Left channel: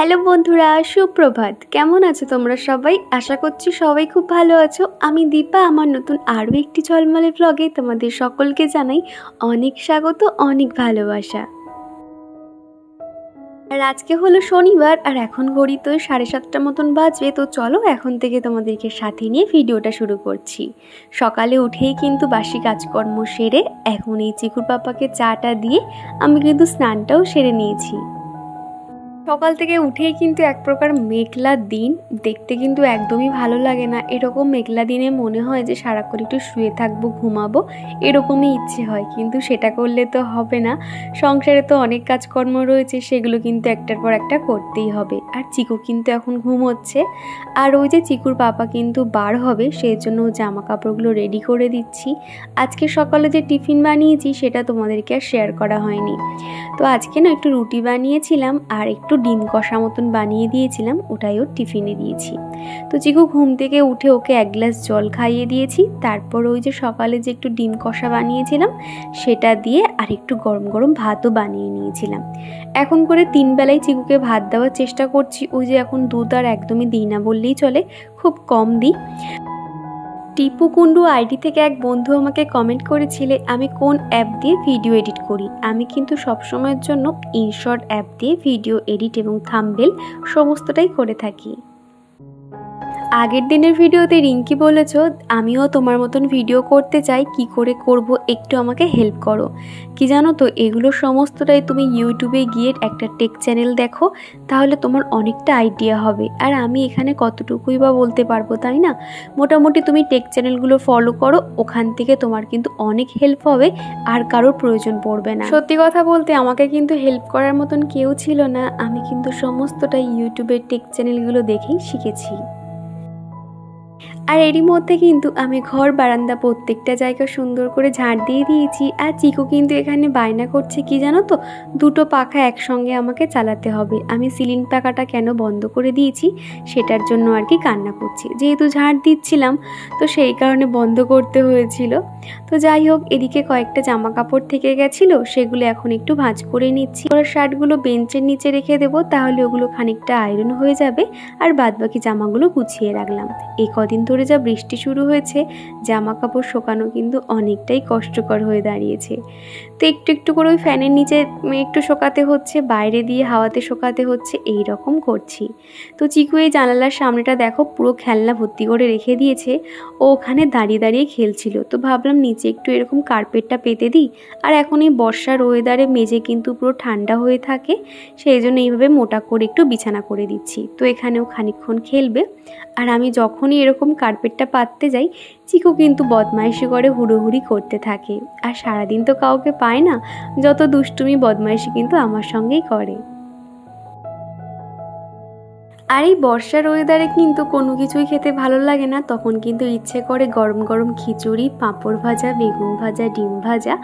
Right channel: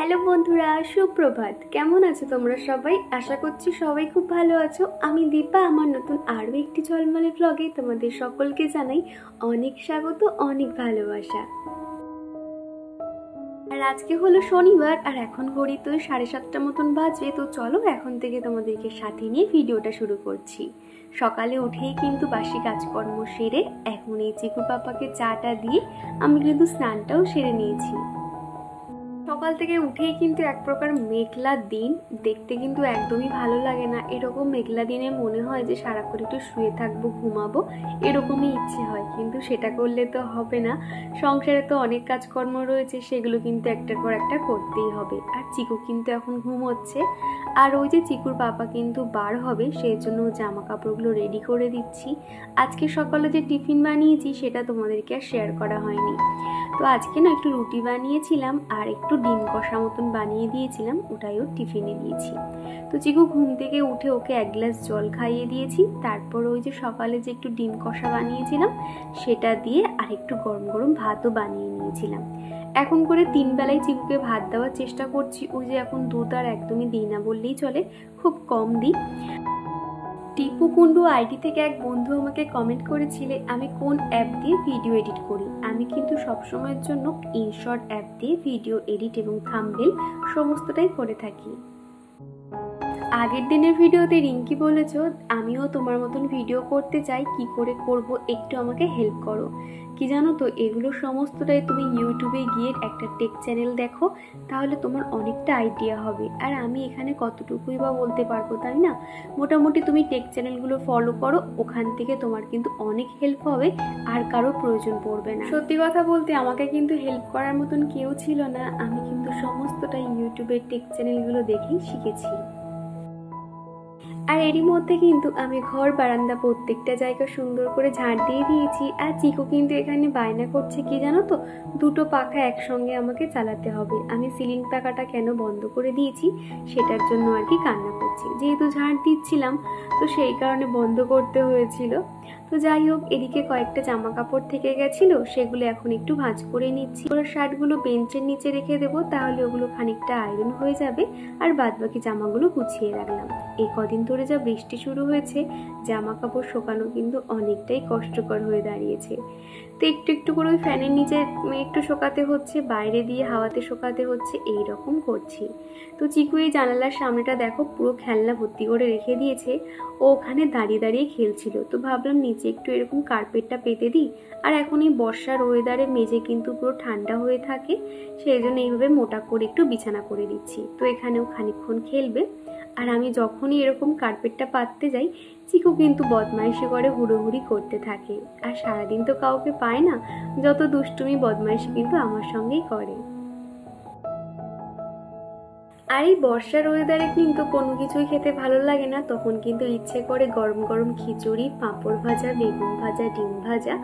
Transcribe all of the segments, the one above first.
Hello বন্ধুরা, সুপ্রভাত। কেমন আছো তোমরা সবাই? আশা করছি সবাই খুব ভালো আছো। আমি দীপা, আমার নতুন আরও একটি ঝলমলে ব্লগে তোমাদের সকলকে জানাই অনেক স্বাগত, অনেক ভালোবাসা। আর আজকে হলো শনিবার, আর এখন ঘড়িতে 7:30 মতন বাজবে। তো চলো এখন থেকে তোমাদেরকে সাথে নিয়ে ভিডিওটা শুরু করছি। সকালে উঠেই কিন্তু বাসি কাজকর্ম সেরে এখন এই চিকুর পাপাকে চাটা দিয়ে আমি কিন্তু স্নানটাও সেরে নিয়েছি। সকাল থেকে উঠেই কিন্তু এক প্রকার মেঘলা দিন, দেখতে কিন্তু একদমই ভালো লাগে না। এরকম মেঘলা দিনে মনে হয় যে সারাক্ষণ একটু শুয়ে থাকবো, ঘুমাবো, এরকমই ইচ্ছে হয়। কিন্তু সেটা করলে তো হবে না, সংসারে তো অনেক কাজকর্ম রয়েছে, সেগুলো কিন্তু একটার পর একটা করতেই হবে। আর চিকু কিন্তু এখন ঘুমোচ্ছে, আর ওই যে চিকুর পাপা কিন্তু বার হবে, সেই জন্য জামা কাপড়গুলো রেডি করে দিচ্ছি। আজকে সকালে যে টিফিন বানিয়েছি সেটা তোমাদেরকে আর শেয়ার করা হয়নি। তো আজকে না একটু রুটি বানিয়েছিলাম আর একটু ডিম কষা মতন বানিয়ে দিয়েছিলাম, ওটাই ওর টিফিনে দিয়েছি। তো চিকু ঘুম থেকে উঠে ওকে 1 গ্লাস জল খাইয়ে দিয়েছি। তারপর ওই যে সকালে যে একটু ডিম কষা বানিয়েছিলাম সেটা দিয়ে আর একটু গরম গরম ভাতও বানিয়ে নিয়েছিলাম। এখন করে 3 বেলায় চিকুকে ভাত দেওয়ার চেষ্টা করছি। ওই যে এখন দুধ আর একদমই দিই না বললেই চলে, খুব কম দিই। টিপু কুন্ডু আইডি থেকে এক বন্ধু আমাকে কমেন্ট করেছিলে আমি কোন অ্যাপ দিয়ে ভিডিও এডিট করি। আমি কিন্তু সবসময়ের জন্য ইনশর্ট অ্যাপ দিয়ে ভিডিও এডিট এবং থাম্বনেল সমস্তটাই করে থাকি। আগের দিনের ভিডিওতে রিঙ্কি বলেছ আমিও তোমার মতন ভিডিও করতে চাই, কি করে করব একটু আমাকে হেল্প করো। কি জানো তো, এগুলো সমস্তটাই তুমি ইউটিউবে গিয়ে একটা টেক চ্যানেল দেখো, তাহলে তোমার অনেকটা আইডিয়া হবে। আর আমি এখানে কতটুকুই বা বলতে পারবো, তাই না? মোটামুটি তুমি টেক চ্যানেলগুলো ফলো করো, ওখান থেকে তোমার কিন্তু অনেক হেল্প হবে, আর কারোর প্রয়োজন পড়বে না। সত্যি কথা বলতে আমাকে কিন্তু হেল্প করার মতন কেউ ছিল না, আমি কিন্তু সমস্তটাই ইউটিউবের টেক চ্যানেলগুলো দেখেই শিখেছি। আর এরই মধ্যে কিন্তু আমি ঘর বারান্দা প্রত্যেকটা জায়গা সুন্দর করে ঝাড় দিয়ে দিয়েছি। আর চিকু কিন্তু এখানে বায়না করছে, কি জানো তো, দুটো পাখা একসঙ্গে আমাকে চালাতে হবে। আমি সিলিং পাখাটা কেন বন্ধ করে দিয়েছি সেটার জন্য আর কি কান্না করছি। যেহেতু ঝাড় দিচ্ছিলাম তো সেই কারণে বন্ধ করতে হয়েছিল। তো যাই হোক, এদিকে কয়েকটা জামা কাপড় থেকে গেছিলো, সেগুলো এখন একটু ভাঁজ করে নিচ্ছি। ওরা শার্টগুলো বেঞ্চের নিচে রেখে দেবো, তাহলে ওগুলো খানিকটা আয়রন হয়ে যাবে। আর বাদবাকি জামাগুলো গুছিয়ে রাখলাম। এই কদিন ধরে যা বৃষ্টি শুরু হয়েছে, জামা কাপড় শোকানো কিন্তু অনেকটাই কষ্টকর হয়ে দাঁড়িয়েছে। তো একটু একটু করে ওই ফ্যানের নিচে একটু শোকাতে হচ্ছে, বাইরে দিয়ে হাওয়াতে শোকাতে হচ্ছে, এই রকম করছি। তো চিকু এই জানালার সামনেটা দেখো পুরো খেলনা ভর্তি করে রেখে দিয়েছে, ও ওখানে দাঁড়িয়ে দাঁড়িয়ে খেলছিল। তো ভাবলাম নিচে একটু এরকম কার্পেটটা পেতে দিই। আর এখন এই বর্ষার ওয়েদারে মেঝে কিন্তু পুরো ঠান্ডা হয়ে থাকে, সেই জন্য এইভাবে মোটা করে একটু বিছানা করে দিচ্ছি। তো এখানেও খানিকক্ষণ খেলবে। আর আমি যখনই এরকম কার্পেটটা পাততে যাই, চিকু কিন্তু বদমাইশি করে হুড়োহুড়ি করতে থাকে। আর সারাদিন তো কাউকে পায় না, যত দুষ্টুমি বদমাইশি কিন্তু আমার সঙ্গেই করে। আর এই বর্ষার ওয়েদারে কিন্তু কোনো কিছুই খেতে ভালো লাগে না, তখন কিন্তু ইচ্ছে করে গরম গরম খিচুড়ি, পাঁপড় ভাজা, বেগুন ভাজা, ডিম ভাজা,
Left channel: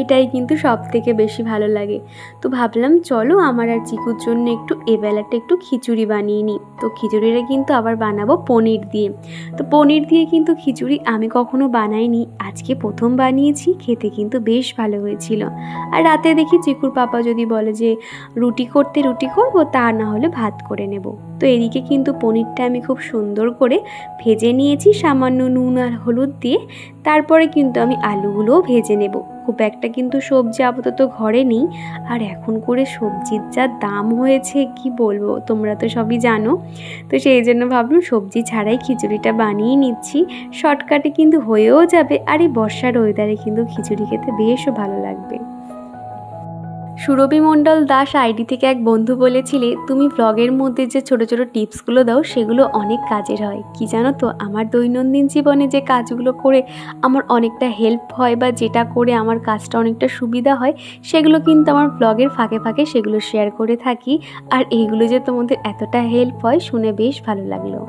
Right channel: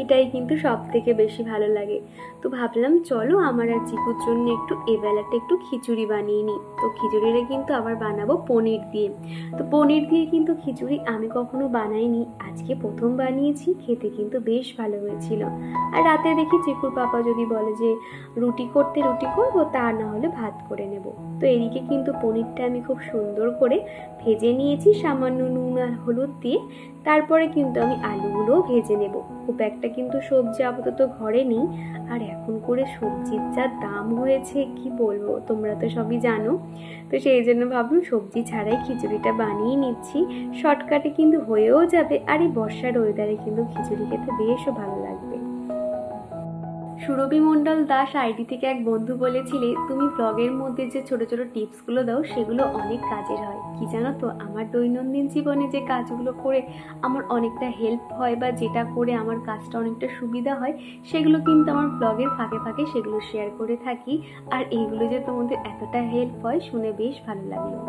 এটাই কিন্তু সব থেকে বেশি ভালো লাগে। তো ভাবলাম চলো আমার আর চিকুর জন্য একটু এবেলাটা একটু খিচুড়ি বানিয়ে নিই। তো খিচুড়িটা কিন্তু আবার বানাবো পনির দিয়ে। তো পনির দিয়ে কিন্তু খিচুড়ি আমি কখনো বানাইনি, আজকে প্রথম বানিয়েছি, খেতে কিন্তু বেশ ভালো হয়েছিল। আর রাতে দেখি চিকুর পাপা যদি বলে যে রুটি করতে রুটি করবো, তা না হলে ভাত করে নেব। তো এদিকে কিন্তু পনিরটা আমি খুব সুন্দর করে ভেজে নিয়েছি সামান্য নুন আর হলুদ দিয়ে। তারপরে কিন্তু আমি আলুগুলোও ভেজে নেব। খুব একটা কিন্তু সবজি আপাতত ঘরে নেই, আর এখন করে সবজির যা দাম হয়েছে কি বলবো, তোমরা তো সবই জানো। তো সেই জন্য ভাবলাম সবজি ছাড়াই খিচুড়িটা বানিয়ে নিচ্ছি, শর্টকাটে কিন্তু হয়েও যাবে। আর এই বর্ষার ওয়েদারে কিন্তু খিচুড়ি খেতে বেশও ভালো লাগবে। সুরভি মণ্ডল দাস আইডি থেকে এক বন্ধু বলেছিলে তুমি ব্লগের মধ্যে যে ছোট ছোট টিপসগুলো দাও সেগুলো অনেক কাজের হয়। কি জানো তো, আমার দৈনন্দিন জীবনে যে কাজগুলো করে আমার অনেকটা হেল্প হয়, বা যেটা করে আমার কাজটা অনেকটা সুবিধা হয়, সেগুলো কিন্তু আমার ব্লগের ফাঁকে ফাঁকে সেগুলো শেয়ার করে থাকি। আর এইগুলো যে তোমাদের এতটা হেল্প হয় শুনে বেশ ভালো লাগলো।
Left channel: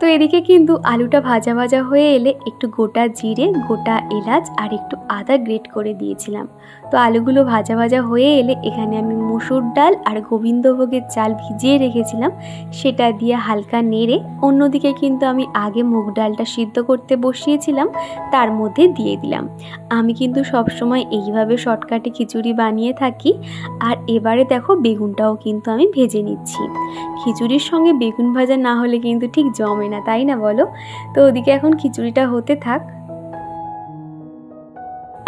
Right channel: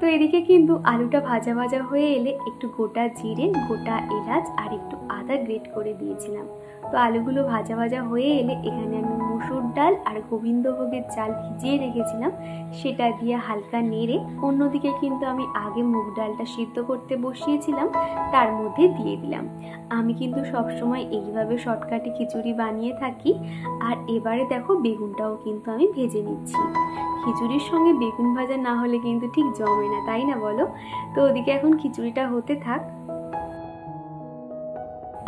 তো এদিকে কিন্তু আলুটা ভাজা ভাজা হয়ে এলে একটু গোটা জিরে, গোটা এলাচ আর একটু আদা গ্রেট করে দিয়েছিলাম। তো আলুগুলো ভাজা ভাজা হয়ে এলে এখানে আমি মসুর ডাল আর গোবিন্দভোগের চাল ভিজিয়ে রেখেছিলাম, সেটা দিয়ে হালকা নেড়ে অন্যদিকে কিন্তু আমি আগে মুগ ডালটা সিদ্ধ করতে বসিয়েছিলাম, তার মধ্যে দিয়ে দিলাম। আমি কিন্তু সবসময় এইভাবে শর্টকাটে খিচুড়ি বানিয়ে থাকি। আর এবারে দেখো বেগুনটাও কিন্তু আমি ভেজে নিচ্ছি। খিচুড়ির সঙ্গে বেগুন ভাজা না হলে কিন্তু ঠিক জমে না, তাই না বলো? তো ওদিকে এখন খিচুড়িটা হতে থাক।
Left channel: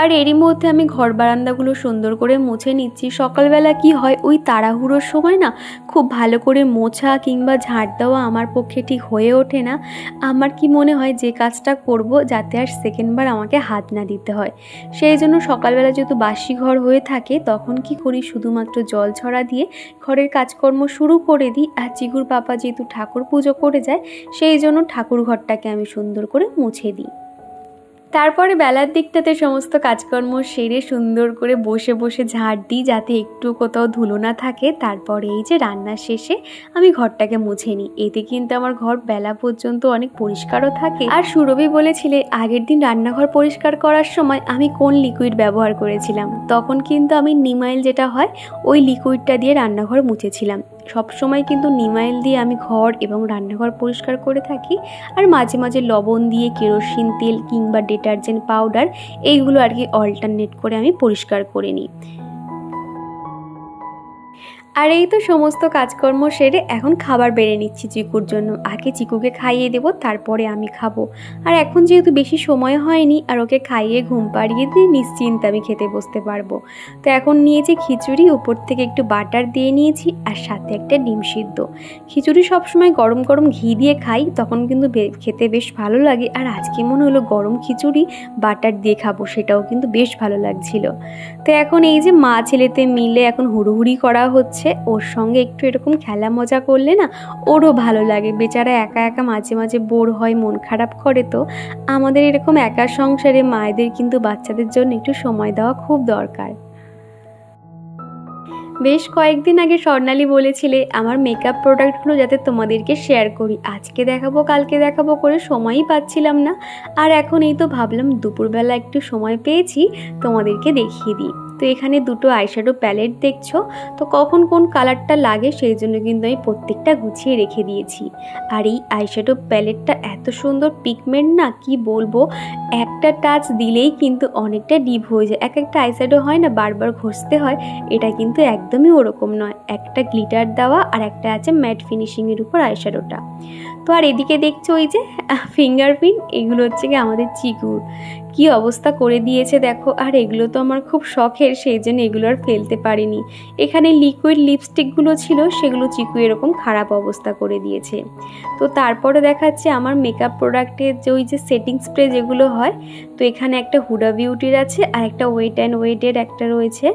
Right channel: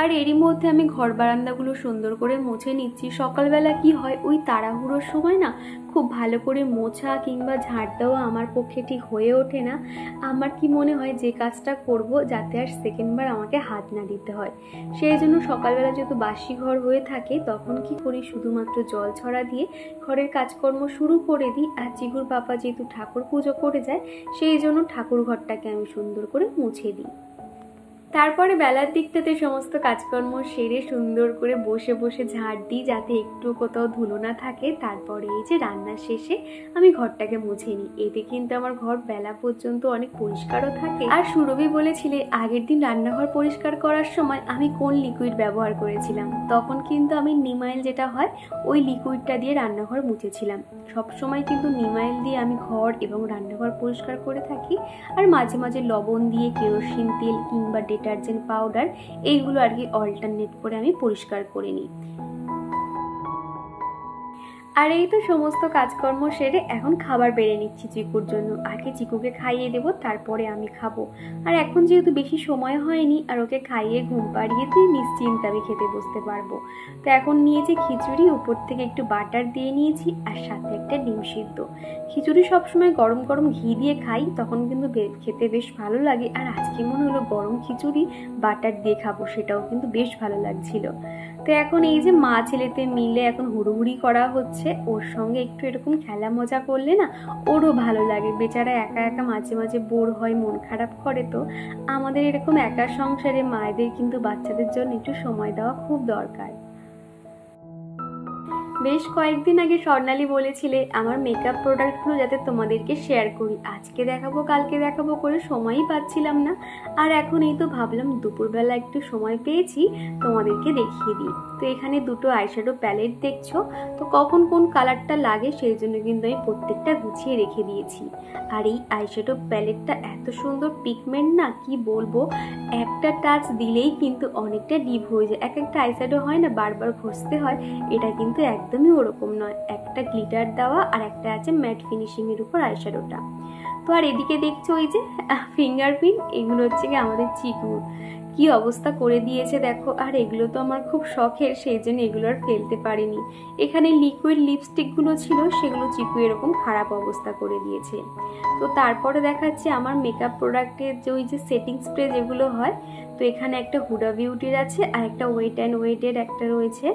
আর এরই মধ্যে আমি ঘর বারান্দাগুলো সুন্দর করে মুছে নিচ্ছি। সকালবেলা কি হয়, ওই তাড়াহুড়োর সময় না খুব ভালো করে মোছা কিংবা ঝাড় দেওয়া আমার পক্ষে ঠিক হয়ে ওঠে না। আমার কি মনে হয় যে কাজটা করব যাতে আর সেকেন্ডবার আমাকে হাত না দিতে হয়, সেই জন্য সকালবেলা যেহেতু বাসি ঘর হয়ে থাকে তখন কি করি, শুধুমাত্র জল ছড়া দিয়ে ঘরের কাজকর্ম শুরু করে দিই। আর চিকুর পাপা যেহেতু ঠাকুর পুজো করে যায়, সেই জন্য ঠাকুর ঘরটাকে আমি সুন্দর করে মুছে দিই। তারপরে বেলার দিকটাতে সমস্ত কাজকর্ম সেরে সুন্দর করে বসে বসে ঝাড় দিই যাতে একটু কোথাও ধুলো না থাকে। তারপরে এই যে রান্নার শেষে আমি ঘরটাকে মুছে নিই। এতে কিন্তু আমার ঘর বেলা পর্যন্ত অনেক পরিষ্কারও থাকে। আর সুরভি বলেছিলে আগের দিন রান্নাঘর পরিষ্কার করার সময় আমি কোন লিকুইড ব্যবহার করেছিলাম, তখন কিন্তু আমি নিমাইল যেটা হয় ওই লিকুইডটা দিয়ে রান্নাঘর মুছেছিলাম। সবসময় কিন্তু নিমাইল দিয়ে আমি ঘর এবং রান্নাঘর পরিষ্কার করে থাকি। আর মাঝে মাঝে লবণ দিয়ে কেরোসিন তেল কিংবা ডিটারজেন্ট পাউডার এইগুলো আর কি অল্টারনেট করে আমি পরিষ্কার করে নিই। আর এই তো সমস্ত কাজকর্ম সেরে এখন খাবার বেড়ে নিচ্ছি চিকুর জন্য। আগে চিকুকে খাইয়ে দেবো, তারপরে আমি খাবো। আর এখন যেহেতু বেশি সময় হয়নি, আর ওকে খাইয়ে ঘুম পাড়িয়ে দিয়ে নিশ্চিন্তে আমি খেতে বসতে পারবো। তো এখন নিয়েছি খিচুড়ি, উপর থেকে একটু বাটার দিয়ে নিয়েছি আর সাথে একটা ডিম সিদ্ধ। খিচুড়ি সবসময় গরম গরম ঘি দিয়ে খাই, তখন কিন্তু খেতে বেশ ভালো লাগে। আর আজকে মনে হলো গরম খিচুড়ি বাটার দিয়ে খাবো, সেটাও কিন্তু বেশ ভালো লাগছিল। তো এখন এই যে মা ছেলেতে মিলে এখন হুড়োহুড়ি করা হচ্ছে। ওর সঙ্গে একটু এরকম খেলা মজা করলে না ওরও ভালো লাগে। বেচারা একা একা মাঝে মাঝে বোর হয়, মন খারাপ করে। তো আমাদের এরকম একা সংসারে মায়েদের কিন্তু বাচ্চাদের জন্য একটু সময় দেওয়া খুব দরকার। বেশ কয়েকদিন আগে স্বর্ণালী বলেছিলে আমার মেকআপ প্রোডাক্টগুলো যাতে তোমাদেরকে শেয়ার করি, আজকে দেখাবো কালকে দেখাবো করে সময়ই পাচ্ছিলাম না। আর এখন এই তো ভাবলাম দুপুরবেলা একটু সময় পেয়েছি, তোমাদেরকে দেখিয়ে দিই। তো এখানে দুটো আইশ্যাডো প্যালেট দেখছো, তো কখন কোন কালারটা লাগে সেই জন্য কিন্তু আমি প্রত্যেকটা গুছিয়ে রেখে দিয়েছি। আর এই আইশ্যাডো প্যালেটটা এত সুন্দর পিগমেন্ট না, কি বলবো, একটা টাচ দিলেই কিন্তু অনেকটা ডিপ হয়ে যায়। এক একটা আইশ্যাডো হয় না বারবার ঘষতে হয়, এটা কিন্তু একদমই ওরকম নয়। একটা গ্লিটার দেওয়া আর একটা আছে ম্যাট ফিনিশিংয়ের উপর আইশ্যাডোটা। তো আর এদিকে দেখছো ওই যে ফিঙ্গারপ্রিন্ট, এগুলো হচ্ছে কি আমাদের চিকুর, কি অবস্থা করে দিয়েছে দেখো। আর এগুলো তো আমার খুব শখের, সেই জন্য এগুলো আর ফেলতে পারিনি। এখানে লিকুইড লিপস্টিকগুলো ছিল, সেগুলো চিকু এরকম খারাপ অবস্থা করে দিয়েছে। তো তারপরে দেখাচ্ছে আমার মেকআপ প্রোডাক্টের যে ওই যে সেটিং স্প্রে যেগুলো হয়, তো এখানে একটা হুডা বিউটির আছে আর একটা ওয়েট অ্যান্ড ওয়েটের একটা রয়েছে।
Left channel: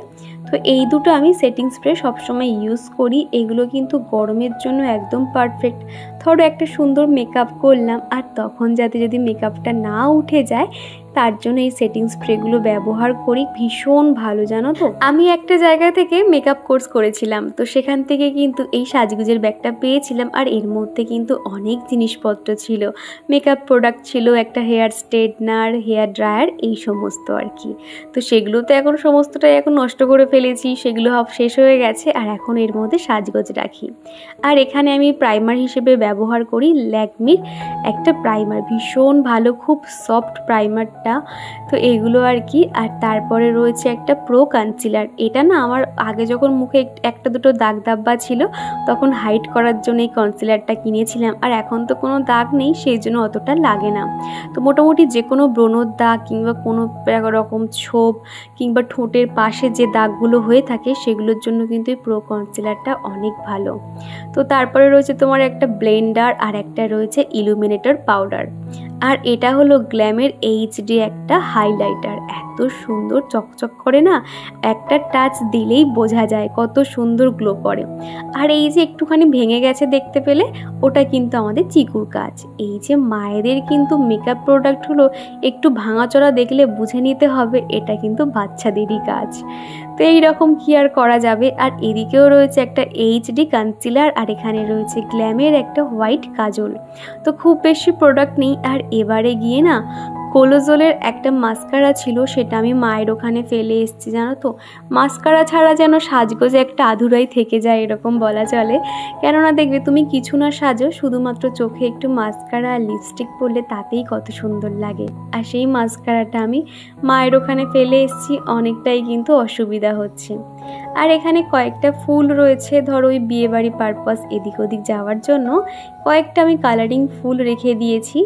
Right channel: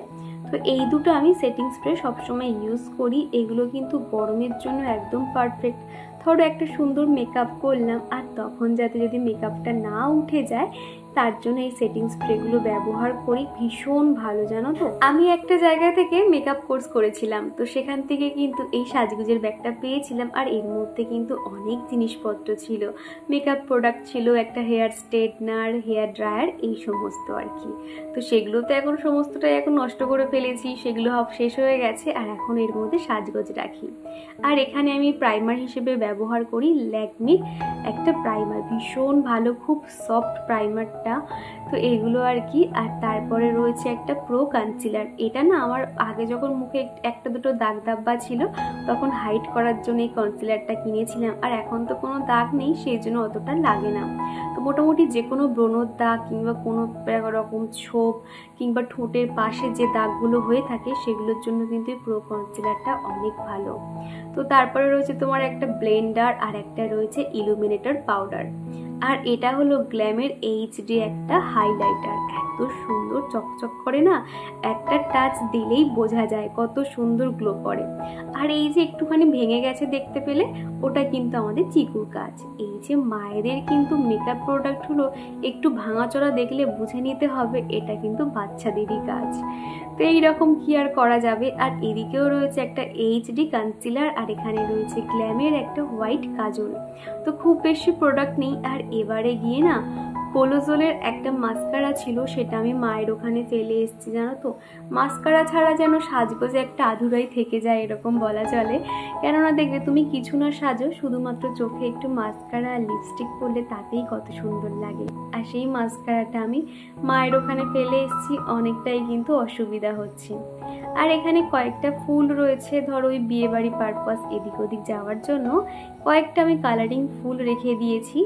তো এই দুটো আমি সেটিং স্প্রে সবসময় ইউজ করি। এগুলো কিন্তু গরমের জন্য একদম পারফেক্ট। ধরো একটা সুন্দর মেকআপ করলাম আর তখন যাতে যদি মেকআপটা না উঠে যায়, তার জন্য এই সেটিং স্প্রেগুলো ব্যবহার করি। ভীষণ ভালো, জানো তো। আমি একটা জায়গা থেকে মেকআপ কোর্স করেছিলাম, তো সেখান থেকে কিন্তু এই সাজগুজের ব্যাগটা পেয়েছিলাম। আর এর মধ্যে কিন্তু অনেক জিনিসপত্র ছিল, মেকআপ প্রোডাক্ট ছিল, একটা হেয়ার স্ট্রেটনার, হেয়ার ড্রায়ার, এই সমস্ত আর কি। তো সেগুলো তো এখন সমস্তটাই এখন নষ্ট করে ফেলেছি, সেগুলো সব শেষ হয়ে গেছে। আর এখন এর মধ্যে সাজগোজ রাখি। আর এখানে আমি প্রাইমার হিসেবে ব্যবহার করি ল্যাকমির একটা প্রাইমার, ভীষণ ভালো, খুব সফট প্রাইমারটা। তো এগুলো আর কি। আর তারপরে রয়েছে একটা প্রো কনসিলার। এটা না আমার আগে যখন মুখে একটা দুটো দাগ দাব্বা ছিল তখন হাইড করার জন্য এই কনসিলারটা কিনেছিলাম। আর এখন তো কোনো দাগ নেই, সেই জন্য অতটা লাগে না। তো মোটামুটি যে কোনো ব্রণর দাগ কিংবা কোনো রকম ছোপ কিংবা ঠোঁটের পাশে যে দাগগুলো হয়ে থাকে সেগুলোর জন্য কিন্তু এই প্রো কনসিলারটা অনেক ভালো। তো তারপরে রয়েছে তোমার একটা ব্লেন্ডার আর একটা রয়েছে ইলুমিনেটর পাউডার। আর এটা হলো গ্ল্যামের এইচডি একটা হাইলাইটার। এত এত সুন্দর চকচক করে না, একটা টাচ দিলেই বোঝা যায় কত সুন্দর গ্লো করে। আর এই যে একটুখানি ভেঙে গেছে দেখতে পেলে, ওটা কিন্তু আমাদের চিকুর কাজ। এই যে মায়েদের কিন্তু মেকআপ প্রোডাক্ট হলো একটু ভাঙাচোরা দেখলে বুঝে নিতে হবে এটা কিন্তু বাচ্চাদেরই কাজ। তো এইরকম কি আর করা যাবে। আর এদিকেও রয়েছে একটা এইচডি কনসিলার, আর এখানে রয়েছে গ্ল্যামের একটা হোয়াইট কাজল। তো খুব বেশি প্রোডাক্ট নেই। আর এবারে গিয়ে না কোলোজলের একটা মাস্কারা ছিল, সেটা আমি মায়ের ওখানে ফেলে এসেছি জানো তো। মাস্কারা ছাড়া যেন সাজগোজে একটা আধুরাই থেকে যায় এরকম বলা চলে। কেননা দেখবে তুমি কিছু না সাজো, শুধুমাত্র চোখে একটু মাস্কারা আর লিপস্টিক পরলে তাতেই কত সুন্দর লাগে। আর সেই মাস্কারাটা আমি মায়ের ওখানে ফেলে এসেছি, অনেকটাই কিন্তু অসুবিধা হচ্ছে। আর এখানে কয়েকটা ফুল রয়েছে, ধরো ওই বিয়েবাড়ি পারপাস এদিক ওদিক যাওয়ার জন্য কয়েকটা আমি কালারিং ফুল রেখে দিয়েছি।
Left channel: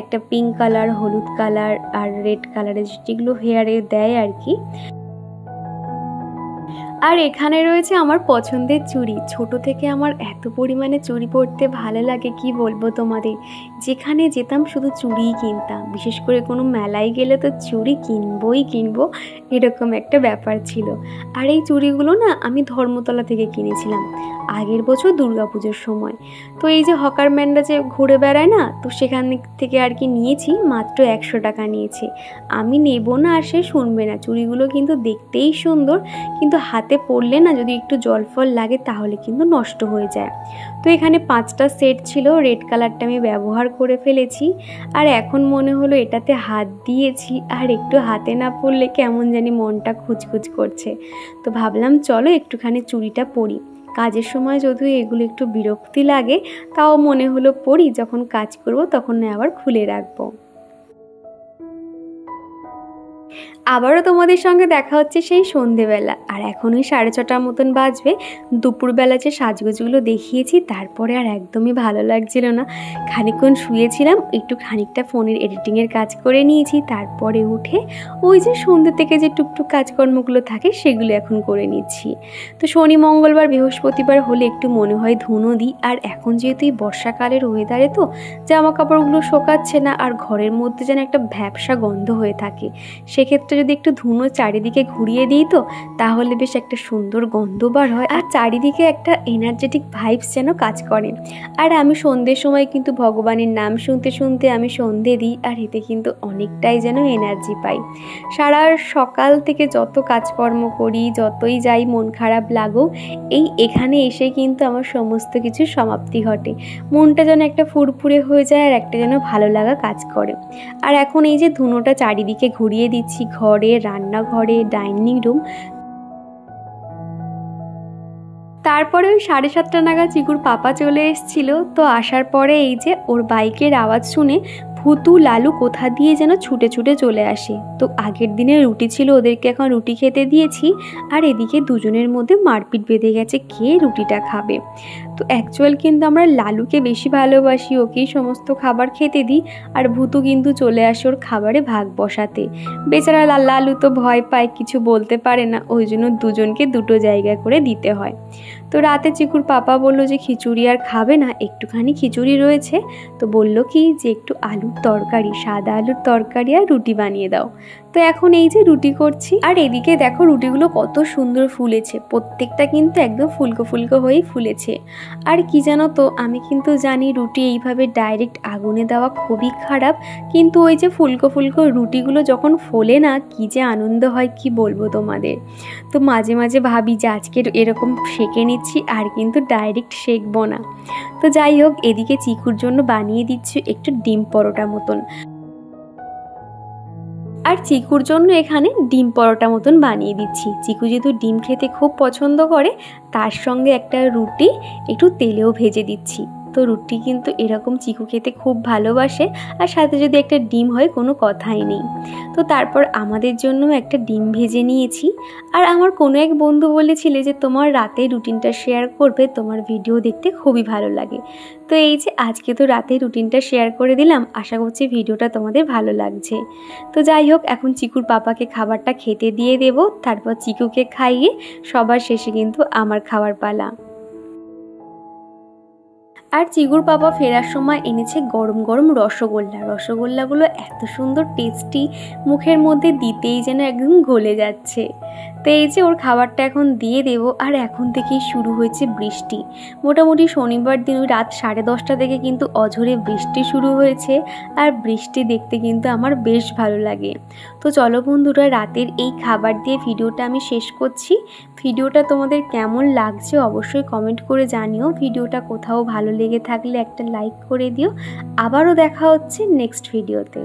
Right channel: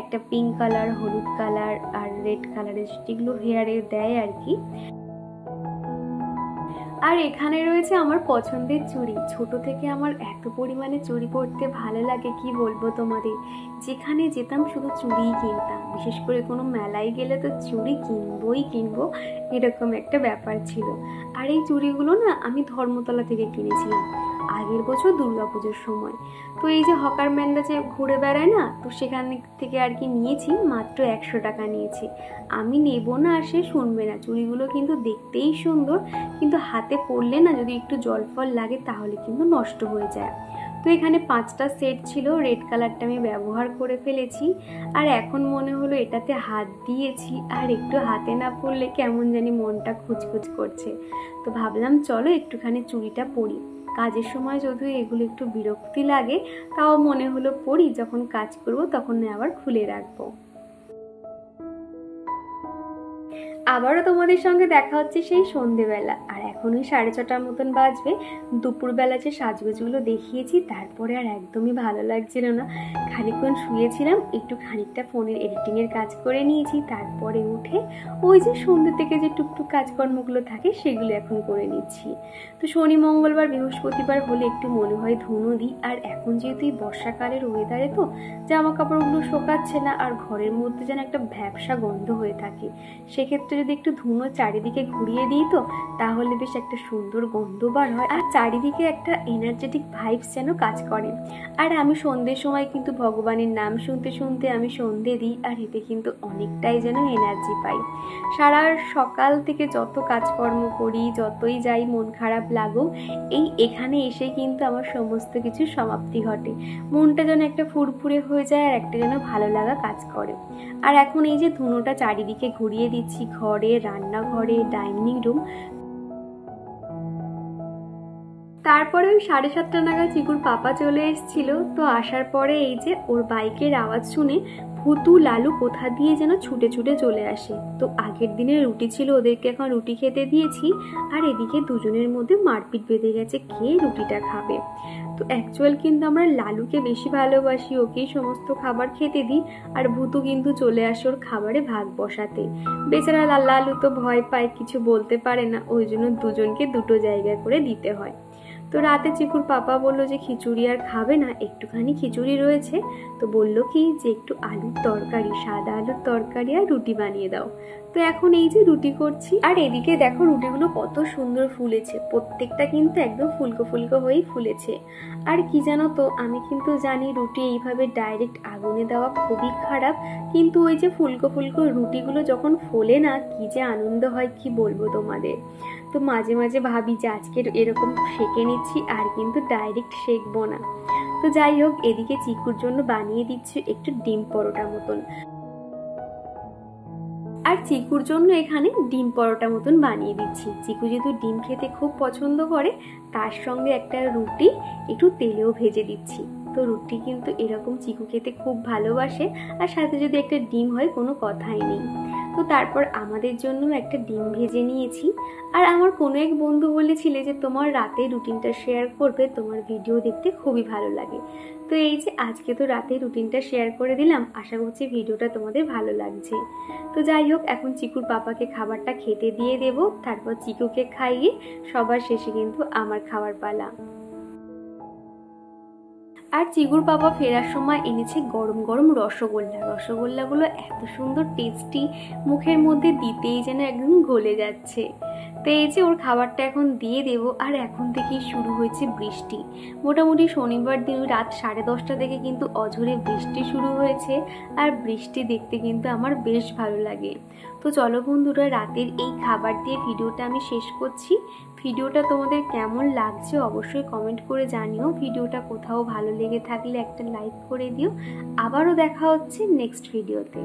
একটা পিঙ্ক কালার, হলুদ কালার আর রেড কালারের, যেগুলো হেয়ারে দেয় আর কি। আর এখানে রয়েছে আমার পছন্দের চুড়ি। ছোট থেকে আমার এত পরিমাণে চুড়ি পরতে ভালো লাগে কি বলবো তোমাদের। যেখানে যেতাম শুধু চুড়িই কিনতাম, বিশেষ করে কোনো মেলায় গেলে তো চুড়ি কিনবো, এরকম একটা ব্যাপার ছিল। আর এই চুড়িগুলো না আমি ধর্মতলা থেকে কিনেছিলাম আগের বছর দুর্গাপুজোর সময়। তো এই যে হকার ম্যানরা যে ঘুরে বেড়ায় না, তো সেখান থেকে আর কি নিয়েছি, মাত্র 100 টাকা নিয়েছে। আমি নেব না আর সে শুনবে না। চুড়িগুলো কিন্তু দেখতেই সুন্দর, কিন্তু হাতে পরলে না যদি একটু জল ফল লাগে তাহলে কিন্তু নষ্ট হয়ে যায়। তো এখানে 5টা সেট ছিল, রেড কালারটা আমি ব্যবহার করে ফেলেছি। আর এখন মনে হলো এটাতে হাত দিয়েছি আর একটু হাতে না পরলে কেমন জানি মনটা খুঁজখুঁজ করছে। তো ভাবলাম চলো একটুখানি চুড়িটা পরি। কাজের সময় যদিও এগুলো একটু বিরক্তি লাগে, তাও মনে হলো পরি, যখন কাজ করব তখন আবার খুলে রাখবো। আবারও তোমাদের সঙ্গে দেখা হচ্ছে সেই সন্ধেবেলা। আর এখন ওই 6:30টার মতন বাজবে। দুপুরবেলা যে সাজগোজগুলো দেখিয়েছি তারপরে আর একদমই ভালো লাগছিল না। খানিকক্ষণ শুয়েছিলাম, একটু খানিকটা ফোনের এডিটিংয়ের কাজ করে নিয়েছি, তারপরে উঠে ওই যে সন্ধ্যে থেকে যে টুকটুক কাজকর্মগুলো থাকে সেগুলো এখন করে নিচ্ছি। তো শনি, মঙ্গলবার, বৃহস্পতিবার হলে একটু মনে হয় ধুনো দিই। আর এখন যেহেতু এই বর্ষাকালের ওয়েদারে তো জামা কাপড়গুলো শোকাচ্ছে না, আর ঘরের মধ্যে যেন একটা ভ্যাপসা গন্ধ হয়ে থাকে। সেক্ষেত্রে যদি একটু ধুনো চারিদিকে ঘুরিয়ে দিই তো তাহলে বেশ একটা সুন্দর গন্ধ বার হয়, আর চারিদিকে একটা এনার্জেটিক ভাইবস যেন কাজ করে। আর আমি সন্ধ্যের সময় কিন্তু ভগবানের নাম শুনতে শুনতে আমি সন্ধে দিই, আর এতে কিন্তু অনেকটাই যেন এনার্জি পাই। সারা সকাল থেকে যত কাজকর্ম করি, যতই যাই মন খারাপ লাগুক, এখানে এসে কিন্তু আমার সমস্ত কিছু সমাপ্তি ঘটে। মনটা যেন একটা ফুরফুরে হয়ে যায়, আর একটা যেন ভালো লাগা কাজ করে। আর এখন এই যে ধুনোটা চারিদিকে ঘুরিয়ে দিচ্ছি, ঘরে, রান্নাঘরে, ডাইনিং রুম। তারপরে ওই 7:30 নাগাদ চিকুর পাপা চলে এসেছিল। তো আসার পরে এই যে ওর বাইকের আওয়াজ শুনে ভুতু লালু কোথা দিয়ে যেন ছুটে ছুটে চলে আসে। তো আগের দিনের রুটি ছিল, ওদেরকে এখন রুটি খেতে দিয়েছি। আর এদিকে দুজনের মধ্যে মারপিট বেঁধে গেছে কে রুটিটা খাবে। তো অ্যাকচুয়াল কিন্তু আমরা লালুকে বেশি ভালোবাসি, ওকেই সমস্ত খাবার খেতে দিই। আর ভুতু কিন্তু চলে আসে ওর খাবারে ভাগ বসাতে। বেচারা লালু তো ভয় পায়, কিছু বলতে পারে না, ওই জন্য দুজনকে দুটো জায়গা করে দিতে হয়। তো রাতে চিকুর পাপা বলল যে খিচুড়ি আর খাবে না, একটুখানি খিচুড়ি রয়েছে। তো বলল কি যে একটু আলুর তরকারি, সাদা আলুর তরকারি আর রুটি বানিয়ে দাও। তো এখন এই যে রুটি করছি। আর এদিকে দেখো রুটিগুলো কত সুন্দর ফুলেছে, প্রত্যেকটা কিন্তু একদম ফুলকো ফুলকো হয়েই ফুলেছে। আর কি জানো তো, আমি কিন্তু জানি রুটি এইভাবে ডাইরেক্ট আগুনে দেওয়া খুবই খারাপ, কিন্তু ওই যে ফুলকো ফুলকো রুটিগুলো যখন ফোলে না, কি যে আনন্দ হয় কি বলবো তোমাদের। তো মাঝে মাঝে ভাবি যে আজকে এরকম সেঁকে নিচ্ছি, আর কিন্তু ডাইরেক্ট সেঁকবো না। তো যাই হোক, এদিকে চিকুর জন্য বানিয়ে দিচ্ছি একটু ডিম পরোটা মতন। আর চিকুর জন্য এখানে ডিম পরোটা মতন বানিয়ে দিচ্ছি। চিকু যেহেতু ডিম খেতে খুব পছন্দ করে, তার সঙ্গে একটা রুটি একটু তেলেও ভেজে দিচ্ছি। তো রুটি কিন্তু এরকম চিকু খেতে খুব ভালোবাসে, আর সাথে যদি একটা ডিম হয় কোনো কথাই নেই। তো তারপর আমাদের জন্য একটা ডিম ভেজে নিয়েছি। আর আমার কোনো এক বন্ধু বলেছিলে যে তোমার রাতে রুটিনটা শেয়ার করবে, তোমার ভিডিও দেখতে খুবই ভালো লাগে। তো এই যে আজকে তো রাতে রুটিনটা শেয়ার করে দিলাম, আশা করছি ভিডিওটা তোমাদের ভালো লাগছে। তো যাই হোক, এখন চিকুর পাপাকে খাবারটা খেতে দিয়ে দেব, তারপর চিকুকে খাইয়ে সবার শেষে কিন্তু আমার খাবার পালা। আর চিগুর বাবা ফেরার সময় এনেছে গরম গরম রসগোল্লা। রসগোল্লাগুলো এত সুন্দর টেস্টি, মুখের মধ্যে দিতেই যেন একদম গলে যাচ্ছে। তো এই যে ওর খাবারটা এখন দিয়ে দেবো। আর এখন থেকেই শুরু হয়েছে বৃষ্টি। মোটামুটি শনিবার দিন ওই রাত 10:30 থেকে কিন্তু অঝোরে বৃষ্টি শুরু হয়েছে। আর বৃষ্টি দেখতে কিন্তু আমার বেশ ভালো লাগে। তো চলো বন্ধুরা, রাতের এই খাবার দিয়ে ভিডিওটা আমি শেষ করছি। ভিডিওটা তোমাদের কেমন লাগছে অবশ্যই কমেন্ট করে জানিও। ভিডিওটা কোথাও ভালো লেগে থাকলে একটা লাইক করে দিও। আবারও দেখা হচ্ছে নেক্সট ভিডিওতে।